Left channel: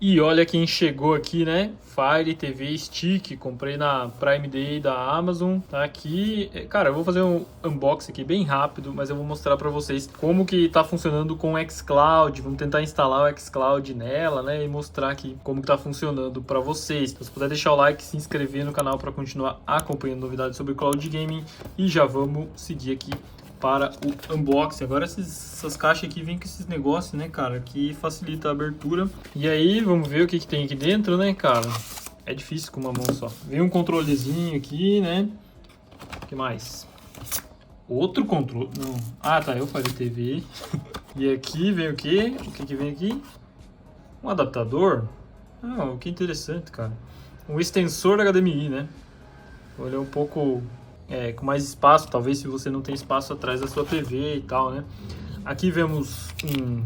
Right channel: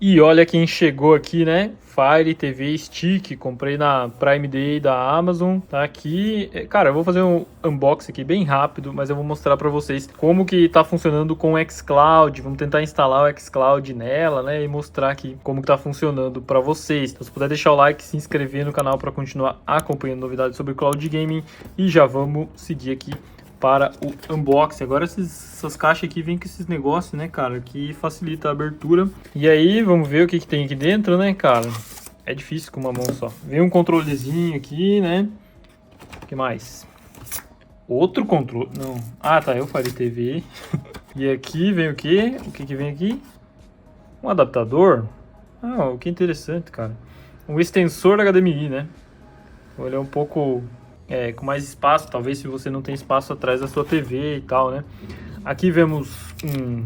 E olha quem chegou aqui, né? Fire TV Stick, comprei na Prime Day da Amazon, tá aqui. Cara, eu vou fazer um unboxing aqui bem rápido, mas eu vou mostrar pra vocês como que tá funcionando com o xCloud. Vamos tentar instalar o xCloud nela, né? E mostrar aqui como que tá funcionando pra vocês. Então, se puder deixar o like, se inscrever no canal pra continuar acompanhando novidades sobre Cloud Gaming. E já vamos seguir aqui para o unboxing. Agora essas caixas aqui vêm com esses negócios, né, cara, que facilita a abertura. E aí, vamos ver o que tem aqui dentro, né, cara. É difícil com uma mão só. Vem um controlezinho aqui, né. O que mais? Outro controle. Não. Ah, tá. Eu falei TV. E aqui vem o quê? O que vem aqui? Um adaptador. Ah, o que interessante, cara. Um extensor HDMI, né. Ele é um pouco com mais espaço, talvez se você não tem espaço atrás da sua TV e tal, né? Aqui vemos um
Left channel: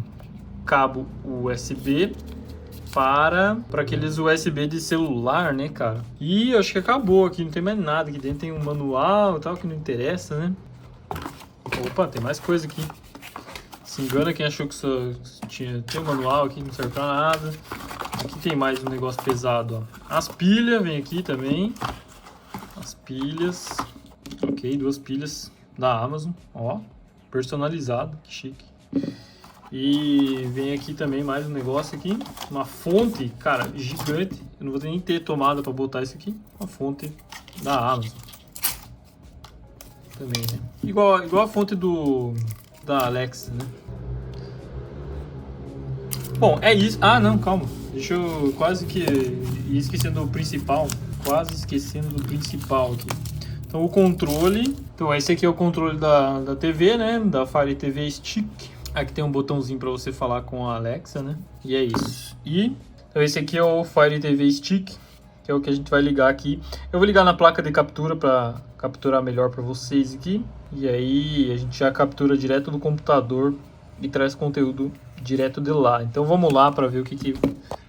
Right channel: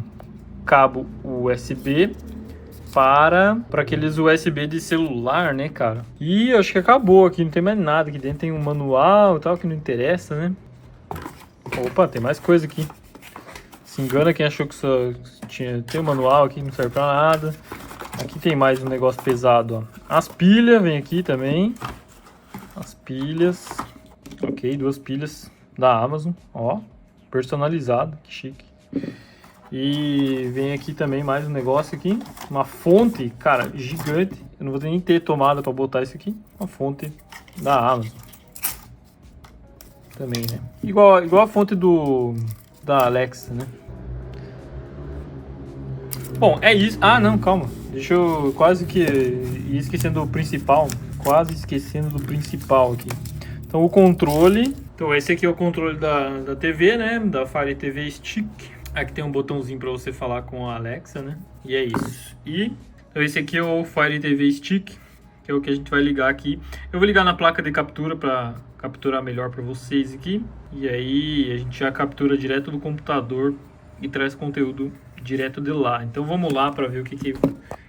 cabo USB para aqueles USB de celular, né, cara? E acho que acabou aqui, não tem mais nada. Aqui dentro tem um manual e tal, que não interessa, né? Opa, tem mais coisa aqui. Se engana quem achou que só tem um manual aqui, não serve pra nada. Aqui tem mais um negócio pesado, ó. As pilhas vem aqui também. As pilhas. Ok, 2 pilhas da Amazon, ó, personalizado, que chique. E vem aqui também mais um negócio aqui, uma fonte, cara, gigante. Eu não vou nem ter tomada para botar isso aqui. Uma fonte da Amazon. Também, né? Igual a fonte da Alexa, né? Bom, é isso. Ah, não, calma. Deixa eu quase que ir esquecendo do principal. Quase esquecendo do principal aqui. Então o controle, então esse aqui é o controle da TV, né, da Fire TV Stick. Aqui tem um botãozinho para você falar com a Alexa, né, e é isso. E então esse aqui é o Fire TV Stick, que é o que a gente vai ligar aqui. Eu vou ligar na placa de captura para capturar melhor para vocês aqui. E aí a gente já captura direto do computador e traz conteúdo direto de lá. Então vamos lá para ver o que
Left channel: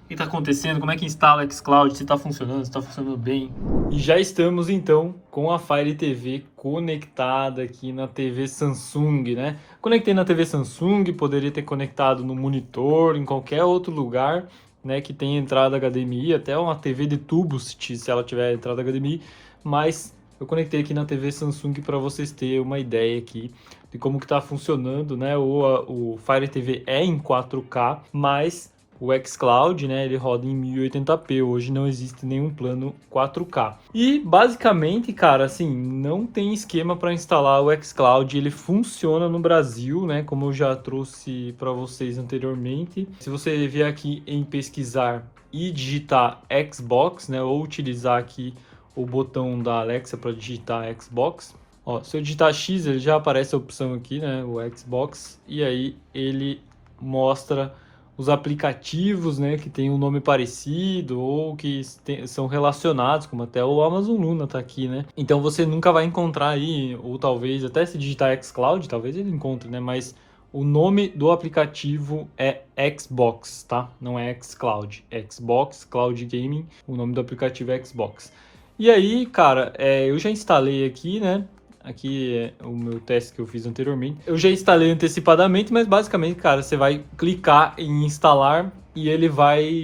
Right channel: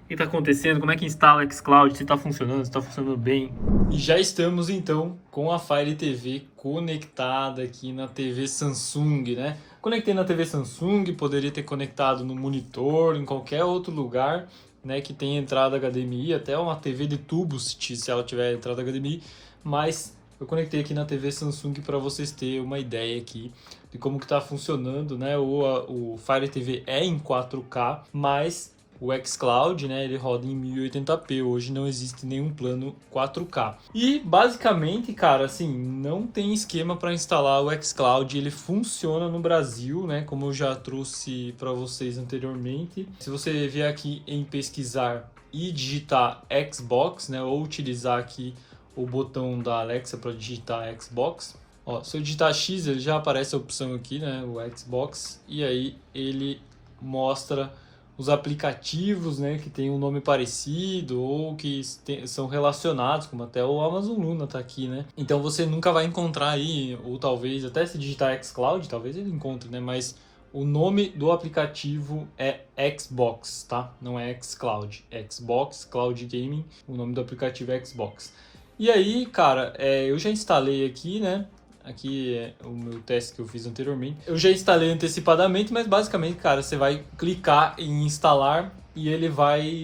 está acontecendo, como é que instala o xCloud, se está funcionando, se está funcionando bem. E já estamos então com a Fire TV conectada aqui na TV Samsung, né? Conectei na TV Samsung, poderia ter conectado no monitor, em qualquer outro lugar, né, que tenha entrada HDMI, até uma TV de tubo se ela tiver entrada HDMI, mas eu conectei aqui na TV Samsung para vocês terem uma ideia aqui de como que está funcionando, né? O Fire TV é em 4K, mas o xCloud, né, ele roda em 1080p, hoje não existe nenhum plano 4K. E basicamente, cara, assim, não tem esquema para instalar o xCloud, ele funciona no Brasil, né, como eu já trouxe para vocês anteriormente. Se você vier aqui em pesquisar e digitar Xbox, né, ou utilizar aqui o botão da Alexa para digitar Xbox, ó, se eu digitar X, ele já aparece a opção aqui, né, o Xbox, e aí ele mostra os aplicativos, né, que tem um nome parecido ou que são relacionados, como até o Amazon Luna tá aqui, né? Então você nunca vai encontrar aí, ou talvez até se digitar xCloud, talvez ele encontre, né? Mas o nome do aplicativo é Xbox, tá? Não é xCloud, é Xbox Cloud Gaming, o nome do aplicativo é Xbox. E aí, cara, eu já instalei aqui, né? Aqui é o meu teste que eu fiz anteriormente. Eu já instalei antecipadamente, mas basicamente, cara, você vai clicar em instalar e ele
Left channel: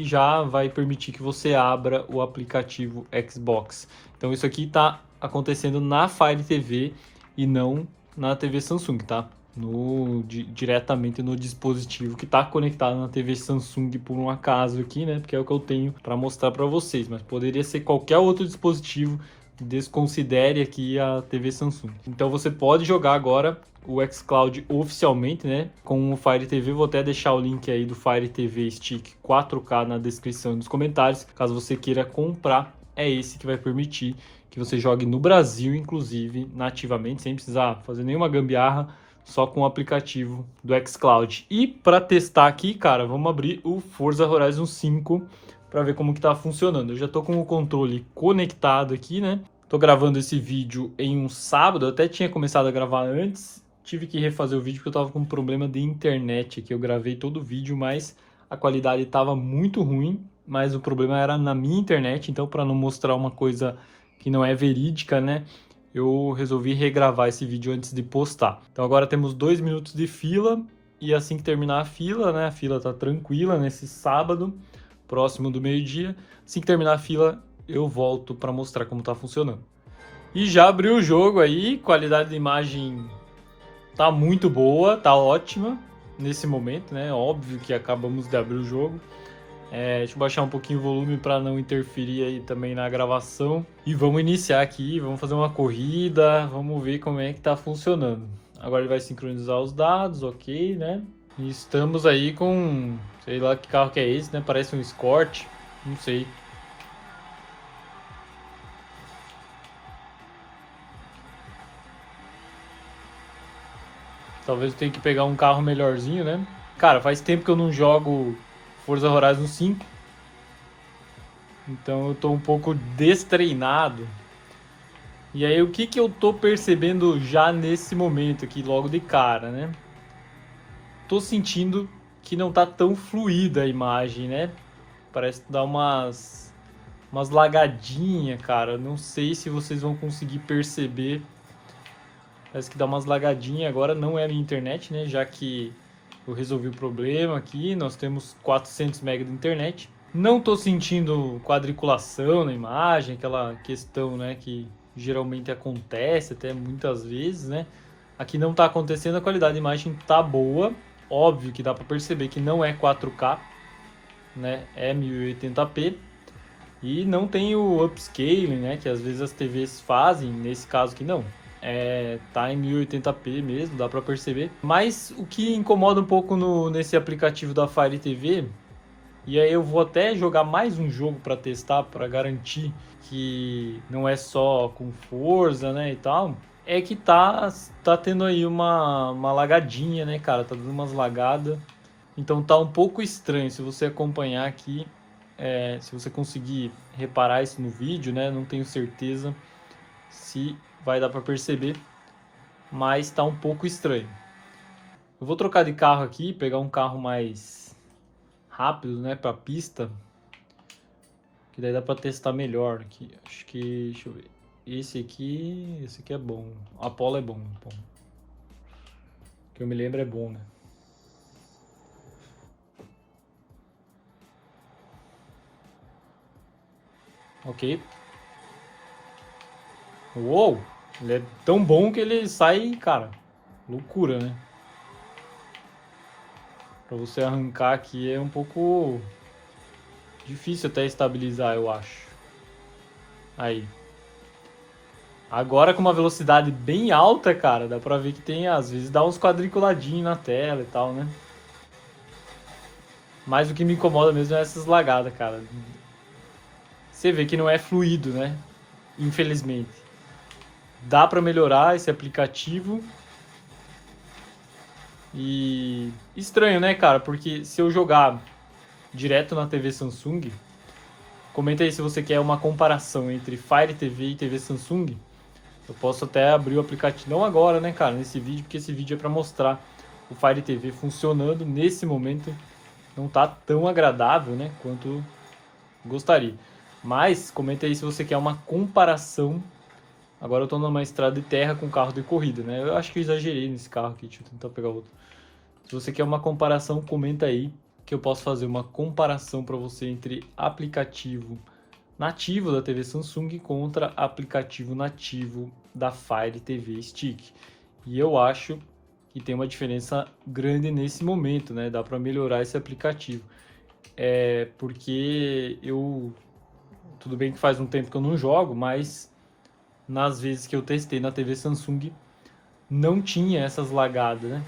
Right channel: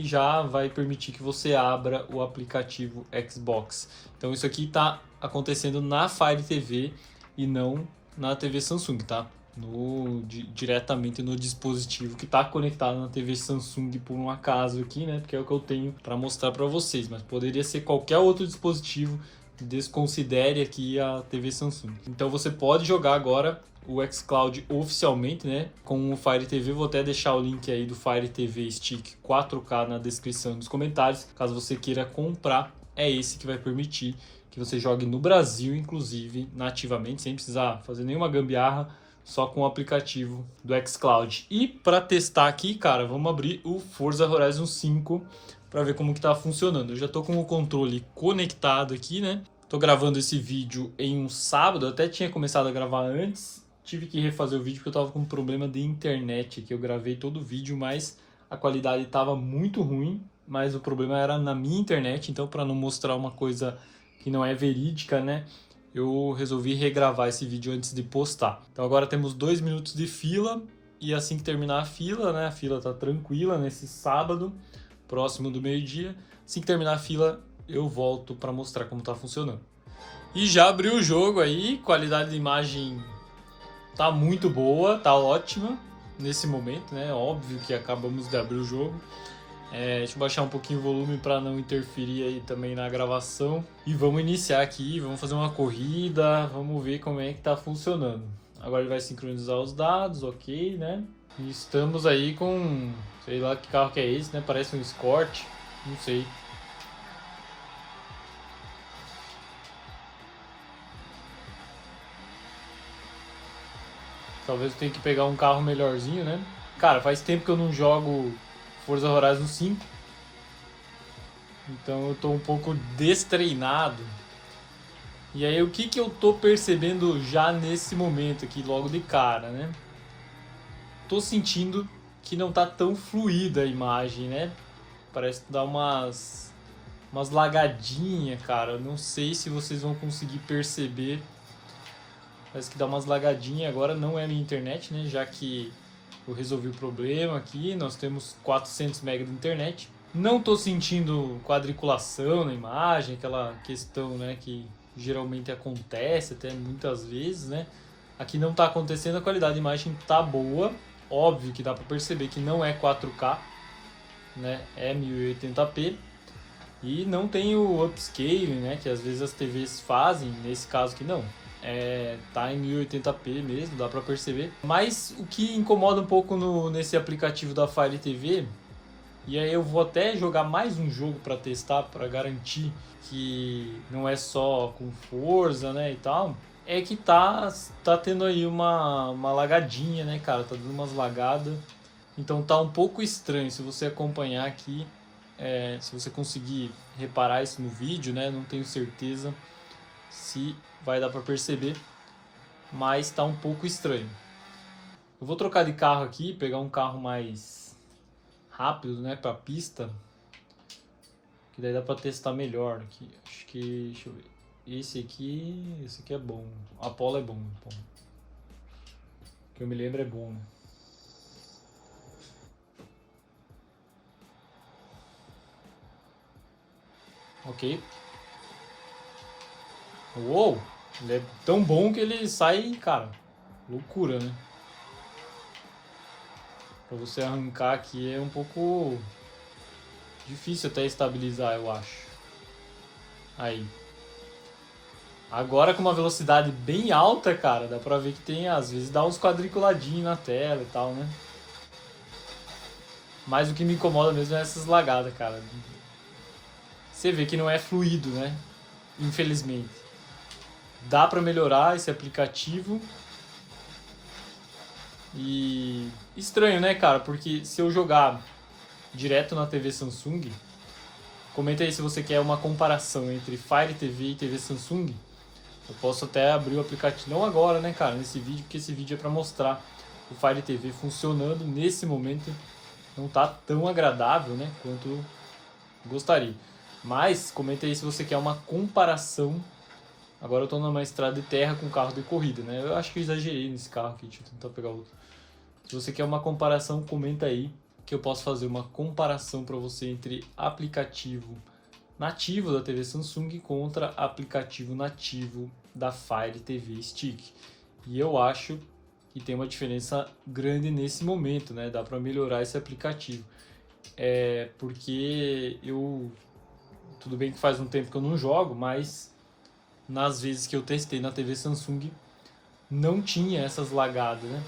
já vai permitir que você abra o aplicativo Xbox. Então isso aqui está acontecendo na Fire TV e não na TV Samsung, tá? Diretamente no dispositivo que está conectado na TV Samsung por um acaso aqui, né? Porque é o que eu tenho para mostrar para vocês, mas poderia ser qualquer outro dispositivo. Desconsidere aqui a TV Samsung. Então você pode jogar agora o xCloud oficialmente, né, com o Fire TV. Vou até deixar o link aí do Fire TV Stick 4K na descrição e nos comentários. Caso você queira comprar, é esse que vai permitir que você jogue no Brasil, inclusive, nativamente, sem precisar fazer nenhuma gambiarra, só com o aplicativo do xCloud. E para testar aqui, cara, vamos abrir o Forza Horizon 5 para ver como que tá funcionando. Eu já tô com o controle conectado aqui, né? Tô gravando esse vídeo em um sábado, eu até tinha começado a gravar antes, tive que refazer o vídeo porque eu tava com um problema de internet aqui. Eu gravei todo o vídeo, mas a qualidade tava muito ruim, mas o problema era na minha internet, então para não mostrar uma coisa que não é verídica, né? Eu resolvi regravar esse vídeo antes de postar. Então agora temos 2 minutos de fila e assim que terminar a fila, né? A fila tá tranquila nesse sábado. próximo do meio-dia. Assim que terminar a fila, eu volto para mostrar como tá funcionando. E já abriu o jogo aí, qualidade de imagem tá muito boa, tá ótima nesse momento, né? Óbvio que acabamos de abrir o jogo. Deixa eu baixar um pouquinho o volume para não interferir aí também na gravação. E vamos iniciar aqui, vamos fazer uma corrida, vamos ver como é que tá funcionando. Agora ele vai sincronizar os dados, ok, né? E estamos aí com, sei lá que carro que é esse, né? Parece um Escort, não sei. Talvez eu tenha que pegar um carro melhorzinho, né? Cara, faz tempo que eu não jogo Forza Horizon 5. Então eu tô um pouco destreinado. E aí o que eu tô percebendo já nesse momento aqui, logo de cara, né? Tô sentindo que não tá tão fluida a imagem, né? Parece dar umas lagadinhas, cara. Não sei se vocês vão conseguir perceber. Parece que dá umas lagadinhas. Agora não é a minha internet, né? Já que eu resolvi o problema aqui. Nós temos 400 MB de internet. Não tô sentindo quadriculação na imagem, aquela questão, né, que geralmente acontece até muitas vezes, né? Aqui não tá acontecendo, a qualidade de imagem tá boa. Óbvio que dá para perceber que não é 4K, né? É 1080p. E não tem o upscaling, né, que às vezes as TVs fazem, nesse caso aqui não. Tá em 1080p mesmo, dá para perceber. Mas o que incomoda um pouco nesse aplicativo da Fire TV, e aí eu vou até jogar mais um jogo para testar, para garantir que não é só com Forza, né, e tal, é que tá tendo aí uma lagadinha, né, cara, tá dando umas lagadas. Então tá um pouco estranho. Se você acompanhar aqui, se você conseguir reparar isso no vídeo, né, não tenho certeza se vai dar para perceber, mas tá um pouco estranho. Eu vou trocar de carro aqui, pegar um carro mais rápido, né, para pista, que daí dá para testar melhor aqui. Acho que, deixa eu ver. Esse aqui é bom. Apollo é bom, pô. Que eu me lembro é bom, né? Ok. Uou! Ele é tão bom que ele sai, cara. Loucura, né? Pra você arrancar aqui é um pouco difícil até estabilizar, eu acho. Aí. Agora com uma velocidade bem alta, cara, dá pra ver que tem, às vezes, dá uns quadriculadinhos na tela e tal, né? Mas o que me incomoda mesmo é essas lagadas, cara. Você vê que não é fluido, né? Infelizmente. Dá pra melhorar esse aplicativo. E estranho, né, cara? Porque se eu jogar direto na TV Samsung, comenta aí se você quer uma comparação entre Fire TV e TV Samsung. Eu posso até abrir o aplicativo, não agora, né, cara, nesse vídeo, porque esse vídeo é para mostrar o Fire TV funcionando. Nesse momento não tá tão agradável, né, quanto gostaria. Mas comenta aí se você quer uma comparação. Agora eu tô numa estrada de terra com carro de corrida, né? Eu acho que eu exagerei nesse carro aqui, deixa eu tentar pegar outro. Se você quer uma comparação, comenta aí que eu posso fazer uma comparação para você entre aplicativo nativo da TV Samsung contra aplicativo nativo da Fire TV Stick. E eu acho que tem uma diferença grande nesse momento, né? Dá para melhorar esse aplicativo. Porque tudo bem que faz um tempo que eu não jogo, mas nas vezes que eu testei na TV Samsung não tinha essas lagadas, né?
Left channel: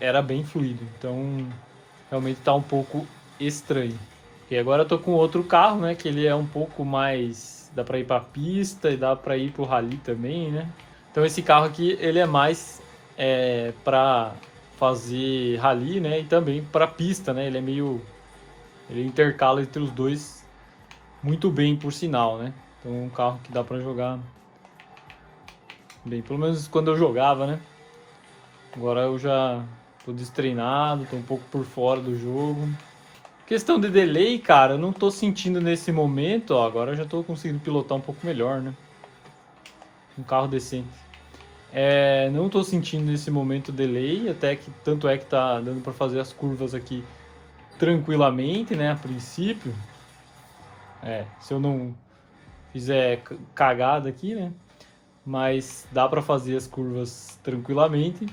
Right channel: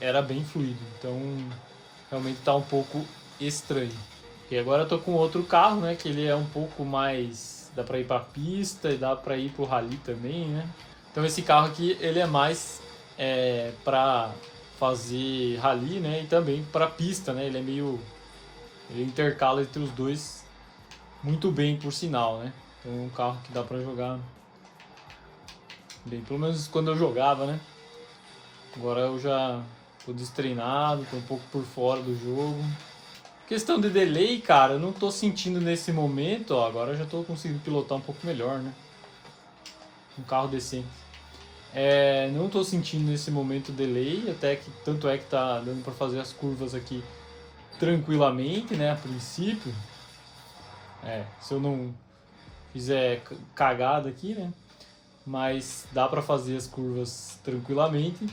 Era bem fluido, então realmente tá um pouco estranho. E agora eu tô com outro carro, né, que ele é um pouco mais, dá para ir para pista e dá para ir pro rally também, né? Então esse carro aqui ele é mais para fazer rally, né, e também para pista, né? Ele intercala entre os dois muito bem, por sinal, né? Então é um carro que dá para jogar bem, pelo menos quando eu jogava, né? Agora eu já tô destreinado, tô um pouco por fora do jogo. Questão de delay, cara, eu não tô sentindo nesse momento, ó, agora eu já tô conseguindo pilotar um pouco melhor, né? Um carro decente. Não tô sentindo nesse momento delay, até que tanto é que tá dando pra fazer as curvas aqui tranquilamente, né, a princípio. Se eu não fizer cagada aqui, né, mas dá pra fazer as curvas tranquilamente.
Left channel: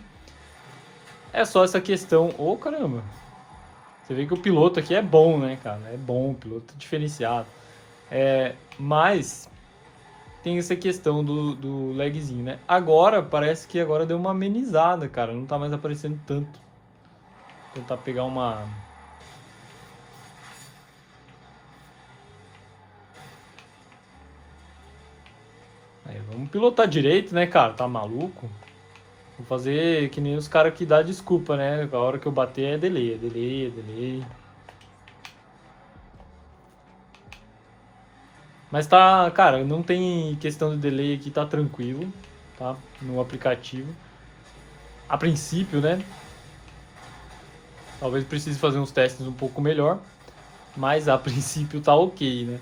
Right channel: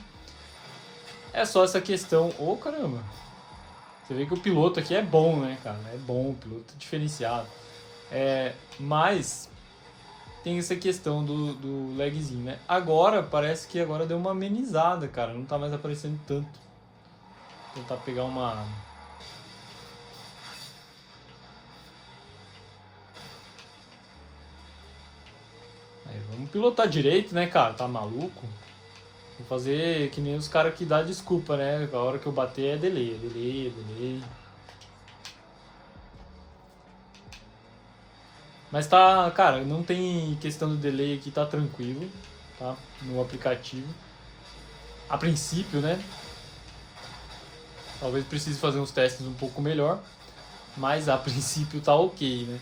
É só essa questão... Ô, caramba! Você vê que o piloto aqui é bom, né, cara? É bom, o piloto diferenciado. Mas tem essa questão do lagzinho, né? Agora, parece que agora deu uma amenizada, cara. Não tá mais aparecendo tanto. Vou tentar pegar uma... Aí, vamos pilotar direito, né, cara? Tá maluco? Vou fazer que nem os caras que dá desculpa, né? A hora que eu bater é delay. Mas tá, cara, não tem questão de delay aqui, tá tranquilo, tá? No aplicativo. A princípio, né? Talvez precise fazer uns testes um pouco melhor, mas a princípio tá ok, né?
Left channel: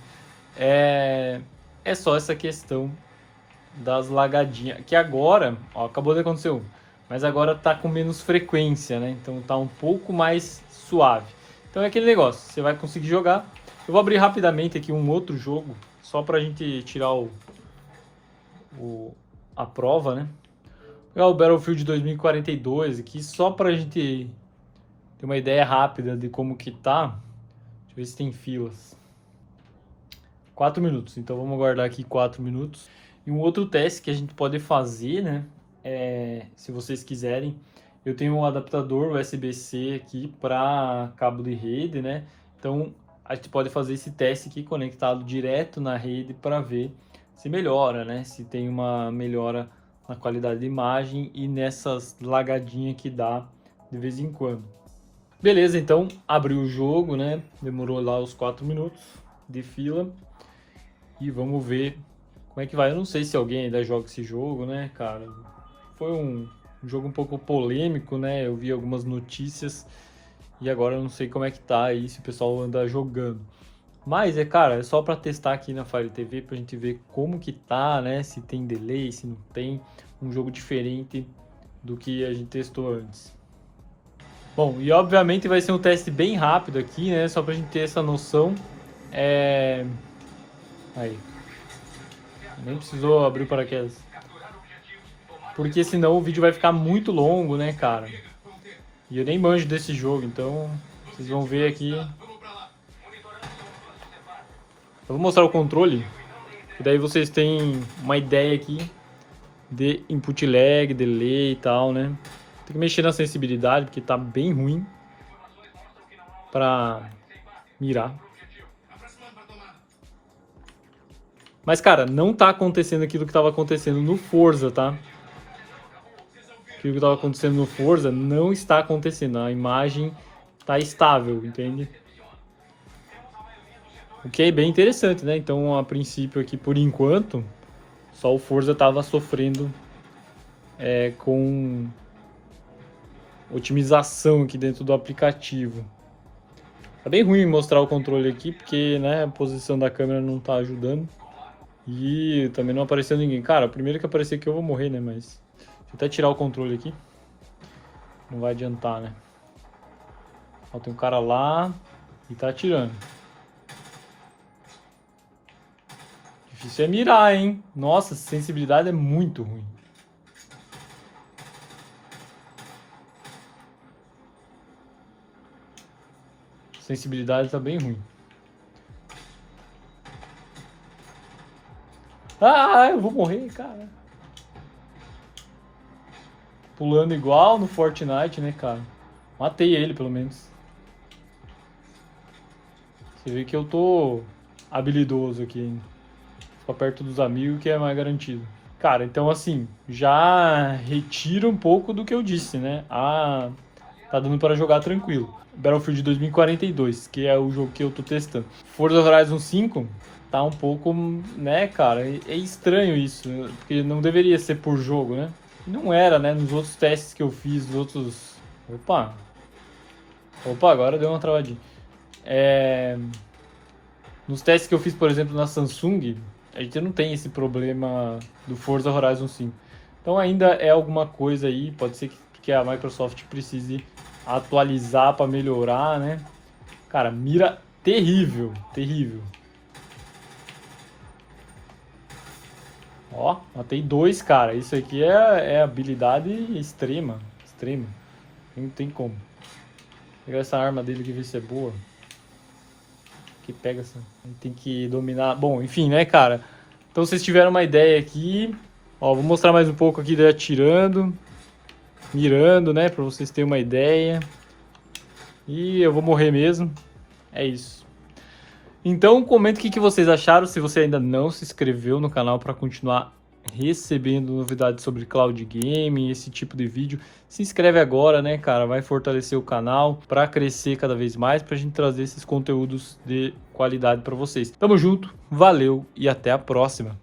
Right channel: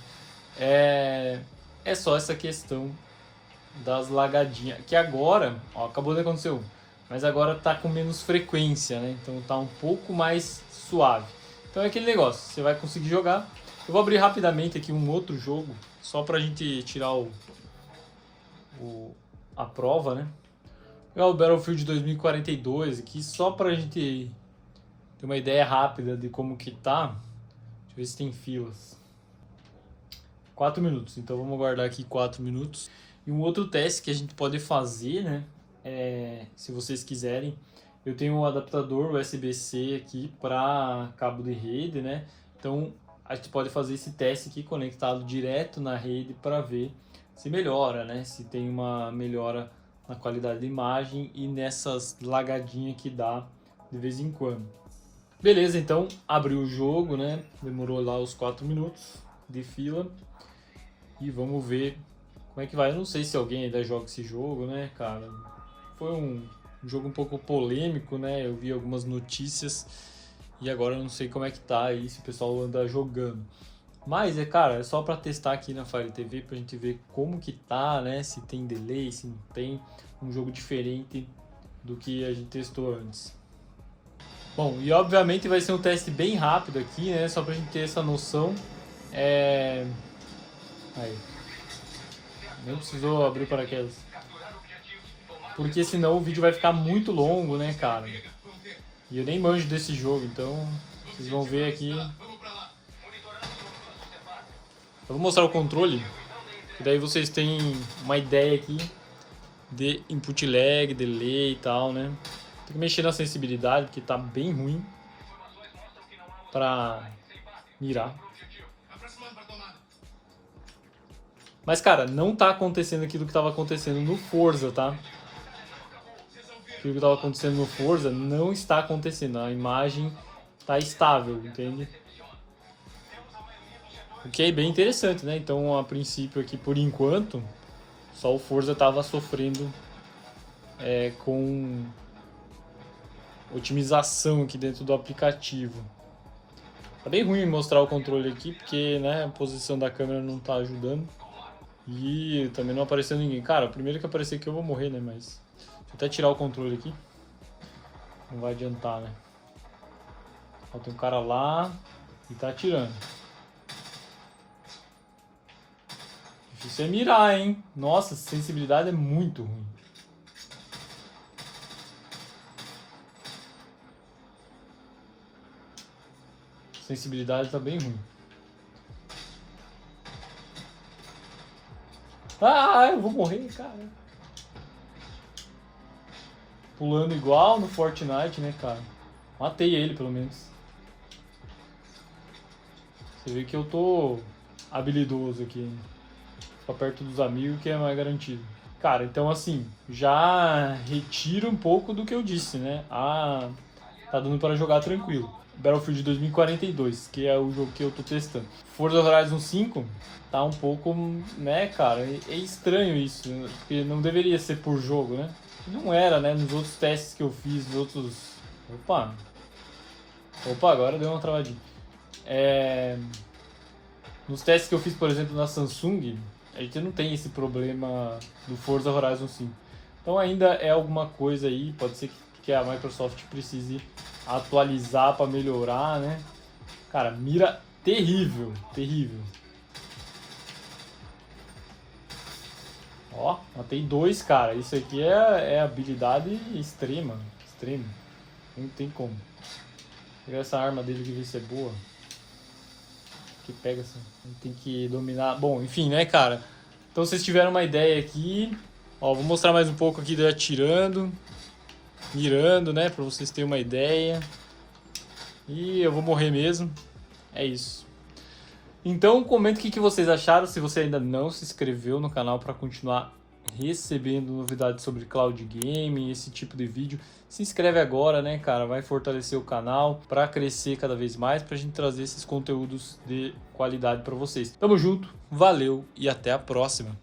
É só essa questão das lagadinhas, que agora, ó, acabou de acontecer um, mas agora tá com menos frequência, né? Então tá um pouco mais suave. Então é aquele negócio, você vai conseguir jogar. Eu vou abrir rapidamente aqui um outro jogo, só pra gente tirar a prova, né? Vou pegar o Battlefield 2042 aqui, só pra gente ter uma ideia rápida de como que tá. Deixa eu ver se tem filas. 4 minutos, então vamos aguardar aqui 4 minutos. E um outro teste que a gente pode fazer, né? Se vocês quiserem, eu tenho um adaptador USB-C aqui para cabo de rede, né? Então a gente pode fazer esse teste aqui conectado direto na rede para ver se melhora, né? Se tem uma melhora na qualidade de imagem e nessas lagadinhas que dá de vez em quando. Beleza, então abriu o jogo, né? Demorou lá os 4 minutos de fila. E vamos ver como é que vai. Eu não sei se alguém ainda joga esse jogo, né, cara? Foi um jogo um pouco polêmico, né? Eu vi algumas notícias e agora eu não sei como é que tá aí, se o pessoal anda jogando. Mas, cara, é só pra testar aqui na Fire TV pra gente ver como que tá, né? Se tem delay, se não tem. Um jogo diferente do que a gente testou antes. Bom, e obviamente vai ser um teste bem rápido aqui, né? Só pra gente ter essa noção. Aí. Nem precisou abrir paraquedas. Porque senão o vídeo vai ficar muito longo, né, cara? E eu nem manjo desse jogo, então vocês vão ver aqui. Eu vou mostrar o controle, e daí vocês têm uma ideia aqui de input lag, delay e tal, né? Tem que mexer na sensibilidade, porque tá bem ruim pra mirar. Mas, cara, não tá acontecendo aquilo que tava acontecendo no Forza, tá? Aquilo que tava acontecendo no Forza não está acontecendo. A imagem tá estável, entende? O que é bem interessante, né? Então, a princípio aqui, por enquanto, só o Forza tava sofrendo com otimização aqui dentro do aplicativo. Tá bem ruim mostrar o controle aqui, porque, né, a posição da câmera não tá ajudando. E também não apareceu ninguém. Cara, primeiro que aparecer aqui eu vou morrer, né? Mas deixa eu até tirar o controle aqui. Não vai adiantar, né? Ó, tem um cara lá e tá atirando. Difícil é mirar, hein? Nossa, a sensibilidade é muito ruim. A sensibilidade tá bem ruim. Ah, eu vou morrer, cara. Pulando igual no Fortnite, né, cara? Matei ele, pelo menos. Você vê que eu tô habilidoso aqui, hein? Ficar perto dos amigos que é mais garantido. Cara, então assim, já retira um pouco do que eu disse, né? Tá dando para jogar tranquilo. Battlefield 2042, que é o jogo que eu tô testando. Forza Horizon 5 tá um pouco, né, cara, é estranho isso, porque não deveria ser por jogo, né? Não era, né, nos outros testes que eu fiz, nos outros... Opa, agora deu uma travadinha. Nos testes que eu fiz, por exemplo, na Samsung, a gente não tem esse problema do Forza Horizon 5. Então ainda é alguma coisa aí, pode ser que a Microsoft precise atualizar para melhorar, né? Cara, mira terrível, terrível. Ó, matei 2, cara. Isso aqui é habilidade extrema. Extrema. Não tem como. Vou pegar essa arma dele aqui, ver se é boa. Que pega assim. Tem que dominar. Bom, enfim, né, cara? Então vocês tiveram uma ideia aqui. Ó, vou mostrar mais um pouco aqui daí atirando. Mirando, né? Pra vocês terem uma ideia. E eu vou morrer mesmo. É isso. Então comenta o que vocês acharam. Se você ainda não se inscreveu no canal para continuar recebendo novidades sobre cloud game, esse tipo de vídeo, se inscreve agora, né, cara? Vai fortalecer o canal para crescer cada vez mais, pra gente trazer esses conteúdos de qualidade para vocês. Tamo junto, valeu e até a próxima.